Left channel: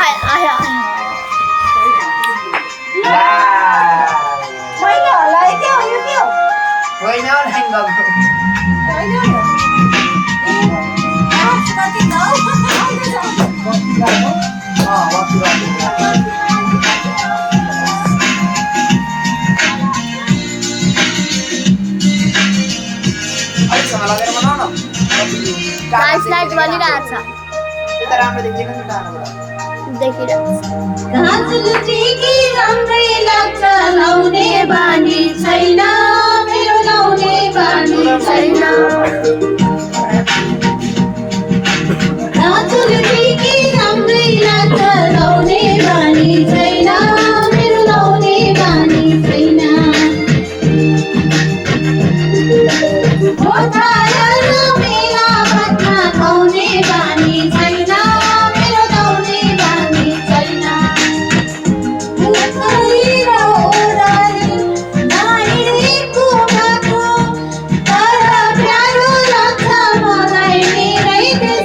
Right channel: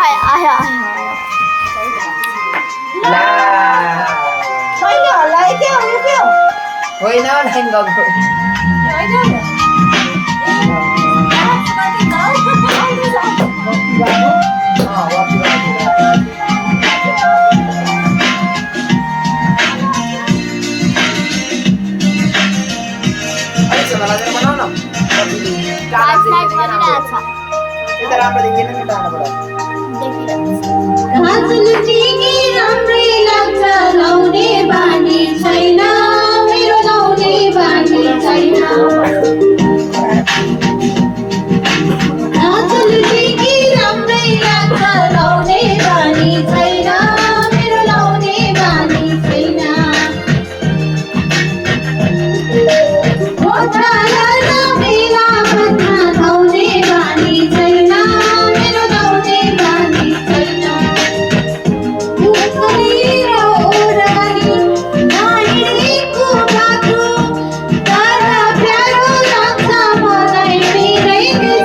आय आय आय ला Mấy cái ở lại kêu kêu. hoy na lang bago Mấy cái. Có cái đâu. wati bago wati bago ay sa malaga naman ano light light वाली रहेछ kita राम्रो देखिएन नि त आनाबाट देखिरहेछ राजुल टिकी राम्रै लाग्छ लाउने बानी छैन मेरो लाउने बानी छैन राजुल टिकी राम्रै लाग्छ लाउने बानी छैन